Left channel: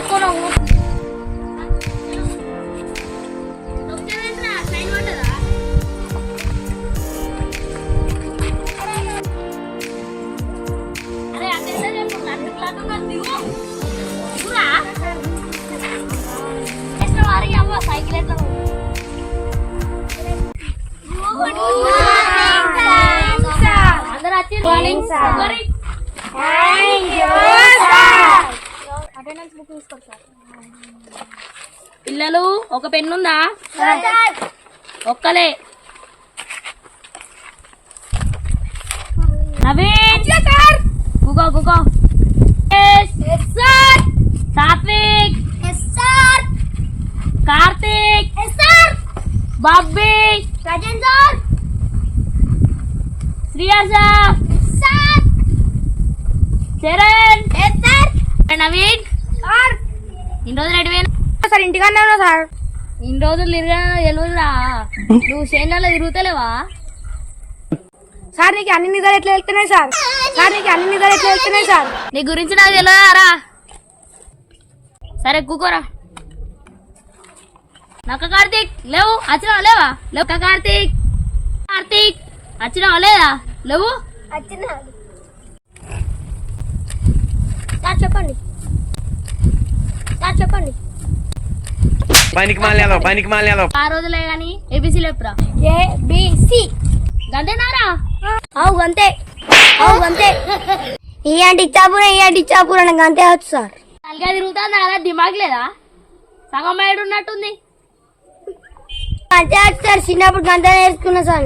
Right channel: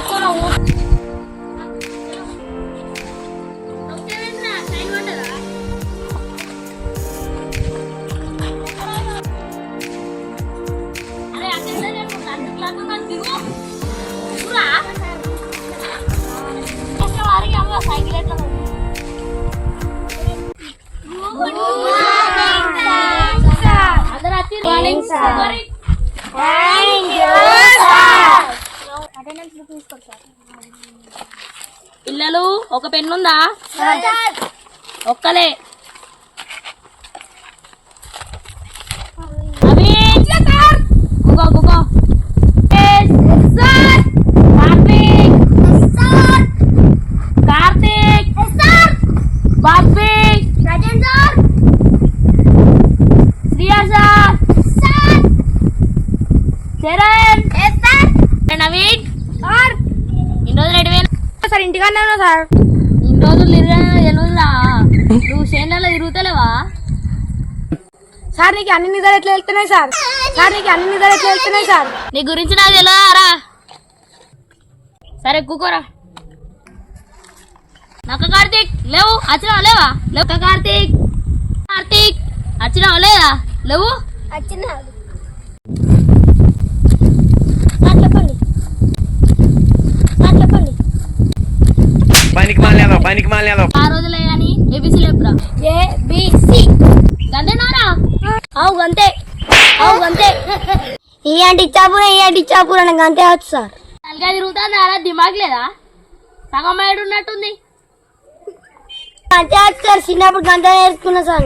పట్టుకున్నావు సైకిల్ ఎట్లా పిల్లలు ఒక పెన్ను ఉందా ఒక్కలే గుగో కార్తీక్ కార్తీక్ బాబీ శ్రియా సార్ చరణ్ నవీన్ ఇన్ని రోజులు ఎటువైనా సార్ ఇంటికన్నా ఉన్నా సార్. ఇన్ని రోజులు తిరగనా నువ్వు సేనలో తిరుగుతలేవా సార్ నీకు అన్ని నిజాలు ఎట్లా వెళ్తున్నాయి సార్? సార్ నీ గురించి నాకు తెలియదారా? సరే కూకోరా. నక్క కార్తీక్ లేవు వచ్చినావా లేవా లేవు కార్తీక్ వచ్చినావా లేదా లేవు చెప్పండి పనికి మాలేదో ఆ రోజులే గాని ఏబిసి లేపురా ABC గంటేనారా అవు గంతే ఈ ఆంటీ ఇచ్చాపురా నాకు అంతే వచ్చు సార్. తలగా తిరుగుతుంది అలా దిమాగ్ లేదా సగం మైడు ఉన్నట్టుంది అంతే వచ్చు సార్. చిన్నప్పుడు గంట నేర్చుకున్నా సార్.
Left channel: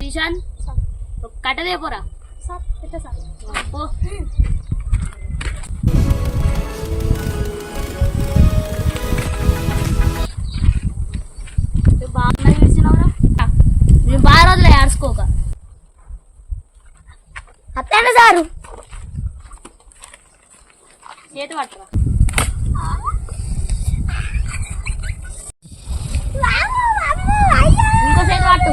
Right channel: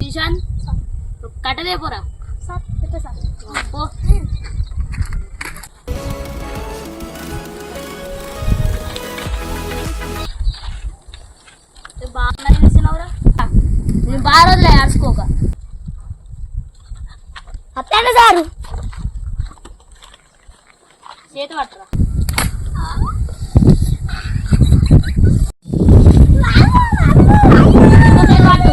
కిషాన్ కట్టదే పోరా పో. బాగా చూసినవరా నేను బాగా రోజులే ఆడుకోక అట్లనే సారు చేతి పట్టరా ఇంకోసేపు పట్టు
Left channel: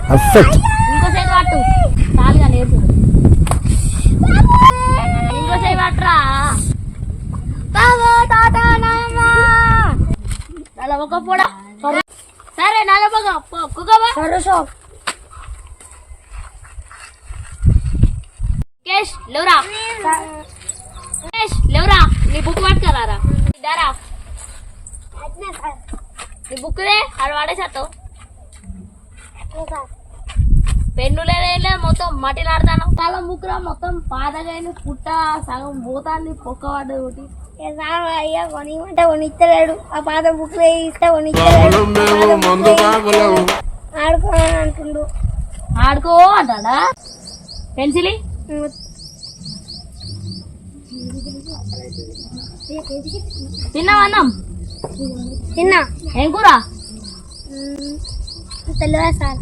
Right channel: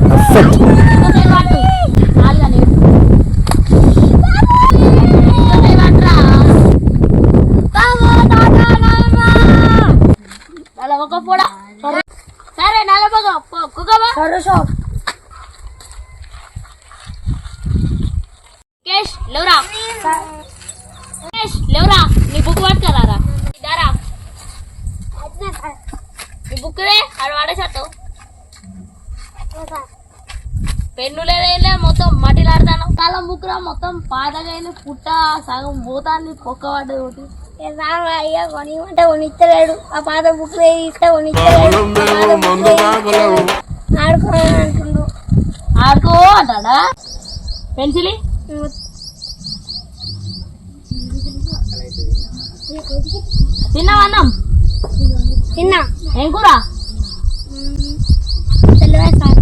ఇంకోసేపు పట్టు చాలుగా లేదు ఇంకోసేపు పట్టరా నలభొక పొడ సరే నలభొక కేష్ లేవురా నీ బుక్ పట్టుకరారా దారా నీ బుక్ దే ఆడ వాడేసత్తావు పెన్ను లేదే మొత్తం మట్టిలాడతాను కాలం బుక్ రా మొత్తం పాతగా పుట్ట సగం పోతాన్ని పొక్క పడ్డది ఒకటి అయ్యా కొనిమంటే కొనిచ్చలేడు. ఆ పాత బుక్ ఇస్తే ఆడుకో అంటుండు. ఆడుకో అంటాడా పెన్సిల్ తిన్నావా అన్నం తిన్నా. ఏం కూర తెలియదు సార్.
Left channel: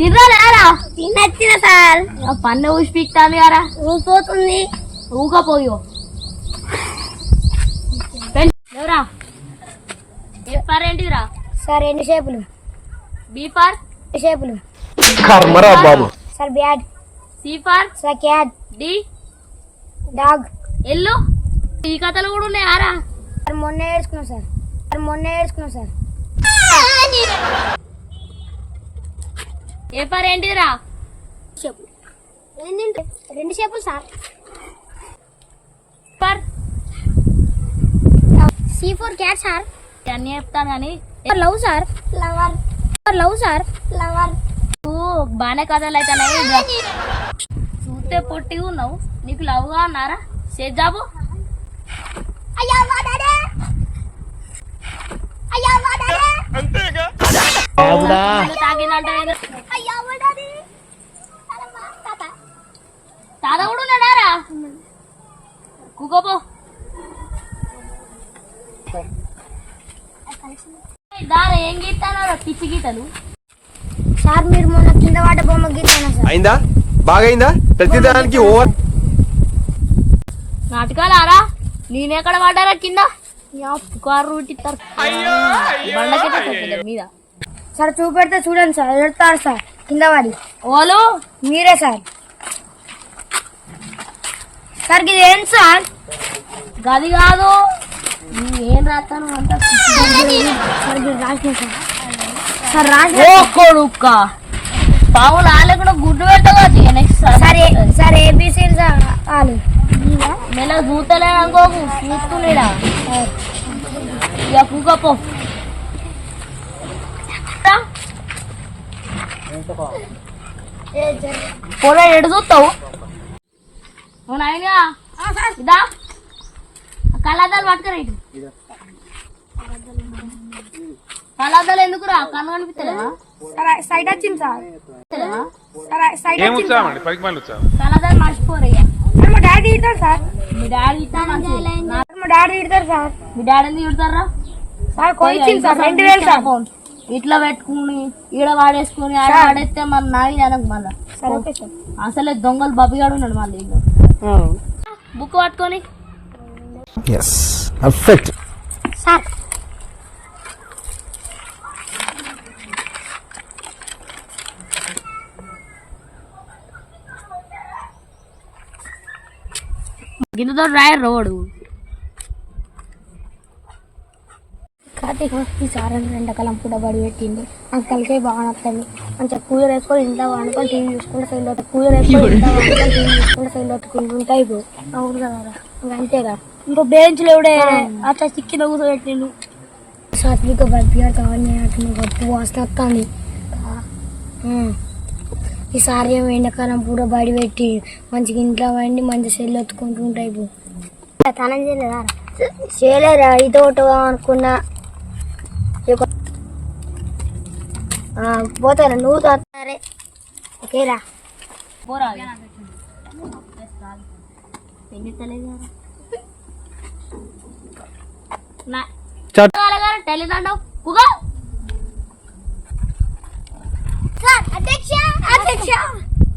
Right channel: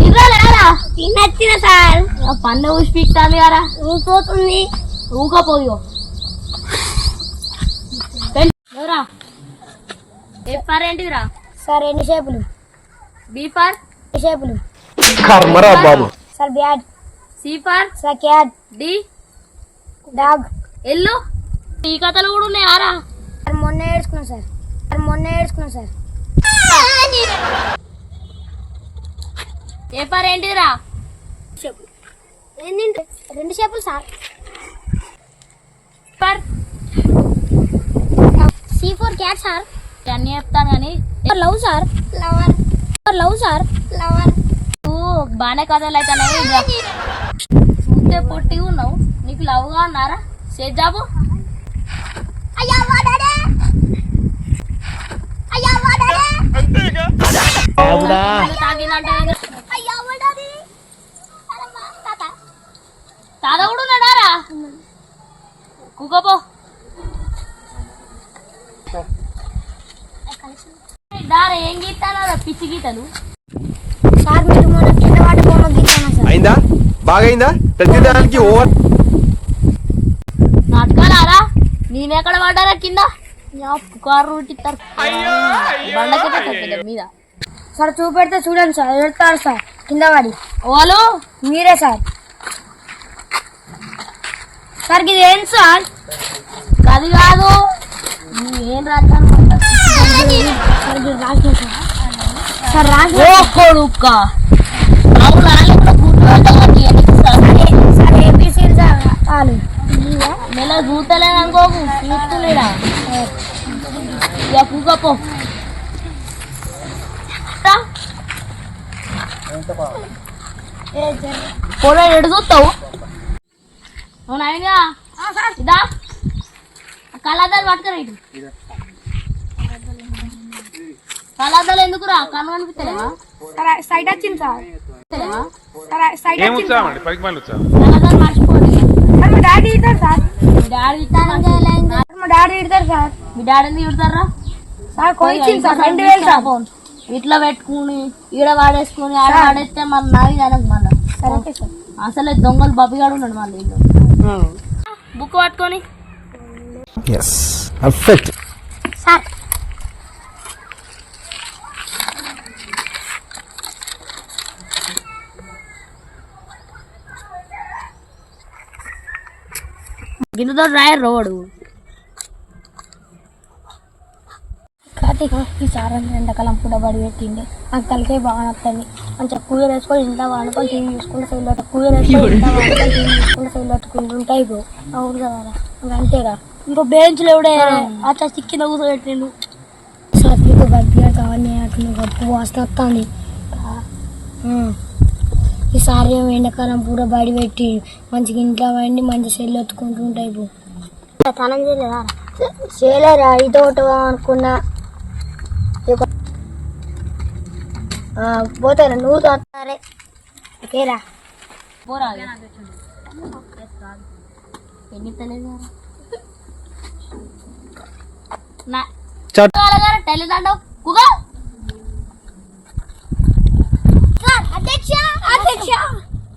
తిర్రాలేరా తినచ్చిన సార్. పన్ను ఊసి పీక్తాంది కదా పోతుంది ఊకపోయో ఎవరా ఫర్ ఏంటిదిరా సార్. రెండు షేపులు. బీ ఫర్ షేపులు బాబు sir. Bat. C for sir. Cat. D dog. ఎల్లు ఈ కథలు కూడా ఉన్నాయారా? మొన్న ఏడ్చుకున్నా సార్. ఏ ఫర్ ఏంటిదిరా? రెండు షేపులు sir. For C for cat sir. అన్నీ చెప్తాను కానీ లవ్ సార్. లవర్. బాగానే కథలు అయితే చూస్తే పొట్టి ఉన్నావు నీకు లవ్గా ఉన్నారా? చేద్దాము తాగిందంటే తాత కూడా ఉన్నాడారా? కుకోపో దారా ఏం గీతానా పిచ్చి గీతలు సార్. మీరు మొన్న కింద వాట బొమ్మ గీతాను సార్. అయిందా బాగైందా? ప్రతిదానికి ఓవర్ నాటకాలారా? నేనెక్కడ పడ్డారా కింద? కారు రూటిస్తారు బండకి మీద సార్ చూపెడితే చూడండి సార్. ఎడతారు సార్ కింద వాడి. ఓలు మీరే సార్. సార్ ఇది ఏం సార్? గది కాదు ఏం రాస్తాను సార్ రాజు కొడుక్క బాబు లాలే కూడా గుడ్డు పెట్టవచ్చు సార్ సార్ ఏబిసి సార్ వాళ్ళు మెల్ల చూస్తలేడు అనుకోకు చూస్తున్నాడా ఇక కూకపో పొలం ఎడు చూస్తావు అవును అయినా ఇదా కళ్ళద్దాలు పట్టుకురా ఇటు కళ్ళద్దాలు ఎందుకురా కన్ను కనిపిస్తలేవా సైడ్ వచ్చింది సార్. సైడ్ ఏం ఉత్సాహం అండి పనికి మళ్ళీ ఉత్సాహం కళ్ళద్దాలు మర్చిపోరు ఇక. మా డాడీ ఇస్తారు సార్. మీ డాడీ ఇట్లా మా డాడీ ఇడతారు సార్. మీ డాడీని తిడతారా సార్ కొనిచ్చింది సార్ 2000 సార్. ఇట్లా పెట్టుకుని ఈడ వాడేసుకుని ఆడ వాడేస్తే మన నాగి అనకు మళ్ళా సరే ఓకే సార్. అసలే దొంగలు బబ్బిగాడు ఉన్నాడు మళ్ళీ ఇల్లు బుక్ పట్టుకొని yes perfect. Sir గిన్నెతో రాయర్ road Karthik ఈ సార్ అని ఎండాకాలం పూట బడి పెట్టింది అంకల్కే బాగా నచ్చింది. మంచిగా కూలర్ వేసుకొని ఇంట్లో వండుకొని టీవీ చూసుకుంటే సైడ్లో కూలర్ వేసుకొని ఇంట్లో వండుకొని టీవీ చూసుకుంటే సైడ్లో ఉంటాయి బ్రో. అవును కదా అంతేగా. ఇంకో బెంచ్లో కూడా అట్లా చిక్కిన కూర్చోబెట్టిండు. సార్ మీకు బబ్బిగారు కావాలి అట్లా గప్పు వాసన వస్తుంది. ఈసారి ఏమో ఎండాకాలం పూట బడి పెట్టి మంచిగా ఇంట్లో వండి మంచిగా సెల్లు ఎత్తుకుంటూ ఉంటాయి బ్రో. తనం చేయలేదా? చేయలేరా ఇటు అనుకున్నా పోతారా నువ్వు సరే ఓకేరా పోరా టెలిదండవు అధ్యక్ష అధ్యక్ష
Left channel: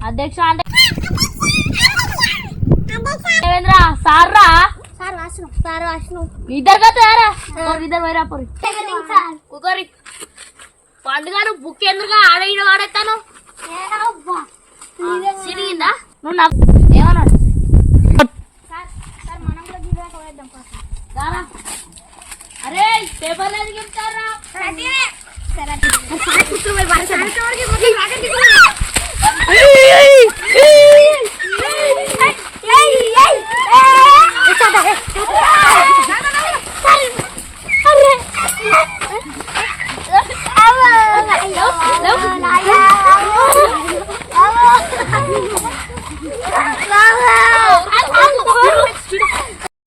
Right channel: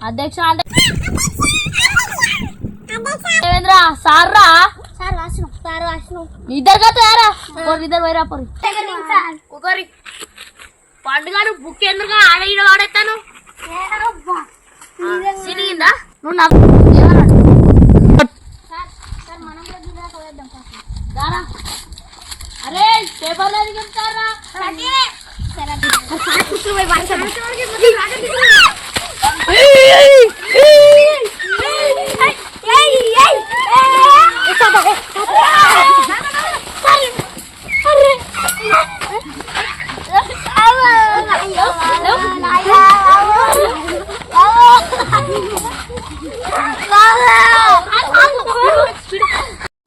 అధ్యక్ష అంటే దేవేంద్ర సార్ రా సార్ రాసినాం సార్ రాసినాం ఇద్దరు కదా ఇద్దరు పోయిరా పోయి కుకరి పండుగను బుక్ ఎందుకు ఆడ ఈడ వాడేస్తాను సిరిగిందా నువ్వు నవ్వు ఏమన్నాడు దారా అరే పేపర్లు ఎందుకు చెప్తారా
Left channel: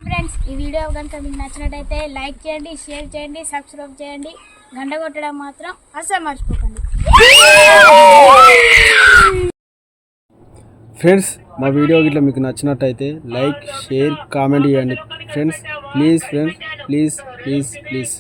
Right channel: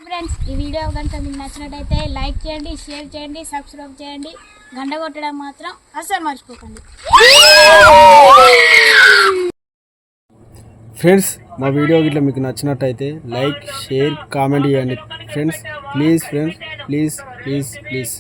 ఫ్రెండ్స్ ఈ వీడియో కనుక మీకు నచ్చినట్టయితే లైక్ చేయండి, షేర్ చేయండి, సబ్స్క్రైబ్ చేయండి, గంట కొట్టడం మాత్రం అస్సలు మర్చిపోకండి. ఫ్రెండ్స్ మా వీడియో గిట్లా మీకు నచ్చినట్టయితే లైక్ షేర్ కామెంట్ చేయండి friends. Please friends please please please.